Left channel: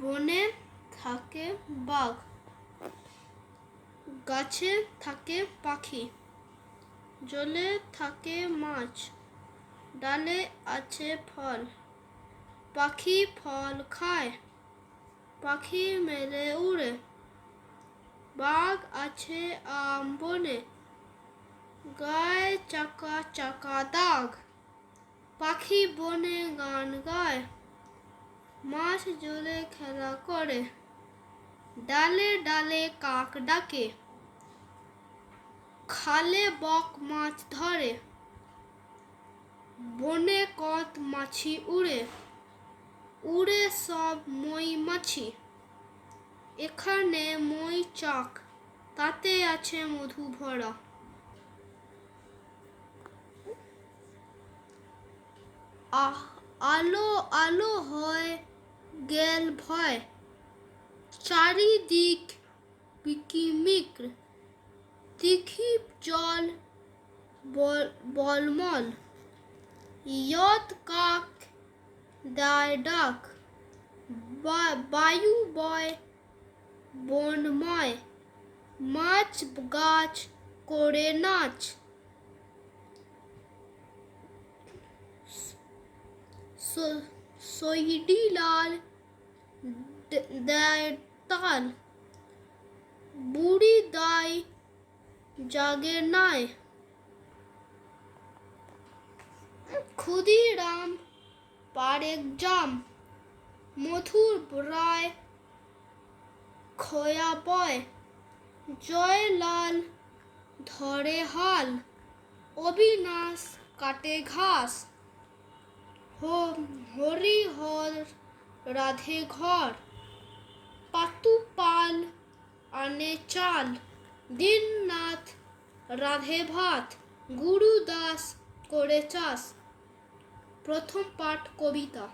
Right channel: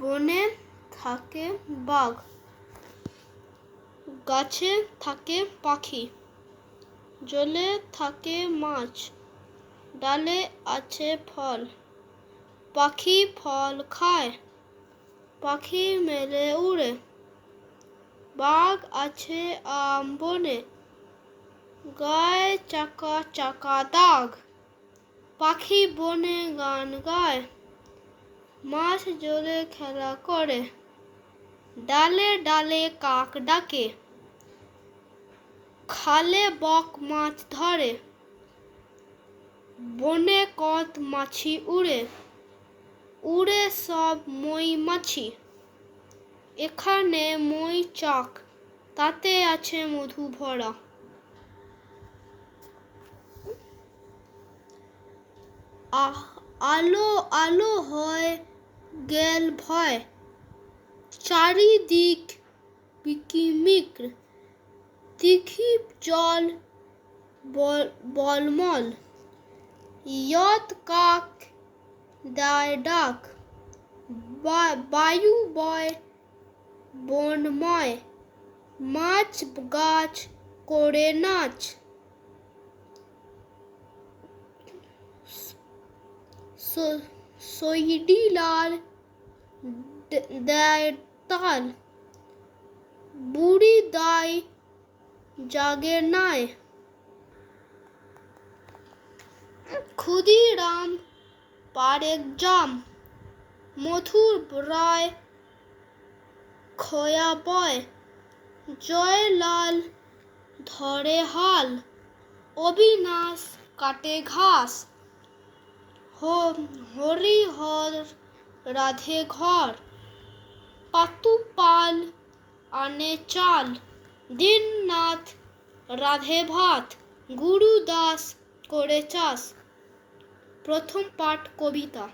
বনে থাকে বাঘ, গাছে থাকে পাখি, জলে থাকে মাছ, ডালে আছে ফল। পাখি ফল খায়, পাখি মেলে উড়ে। বাঘ আছে আম বনে, গায়ে চাকা চাকা দাগ। পাখি বনে গান গায়, মাছ জলে খেলা করে। ডালে ডালে কাক ডাকে, খালে বক মাছ ধরে। বনে কত মাছি উড়ে, উড়ে সব মৌমাছি। এখানে মৌচাক, তাতে আছে মধু ভরা। আলো আলো হয় গেল ভয়, চারিদিক বিকিমিক। দিঘি জল বলমল, ইয়ত কাক দেয় ডাক। বায়ু বয় বনময়, মাছ গাছ করে নাচ। সইডি লাল দেয় তাল, বুড়ি দায় জাগে নাই। ক্ষুদিরাম পাড়ে জাম, মধুর রায় খয়া বয়। জয়লাল ধরে হাল, অবিনাশ কাটে ঘাস। হরিহর রাধে ঘর, পাতু পাল আনে চাল। দীননাথ রাধে ভাত, গুরুদাস করে চাষ। প্রথম পাঠ কবিতা।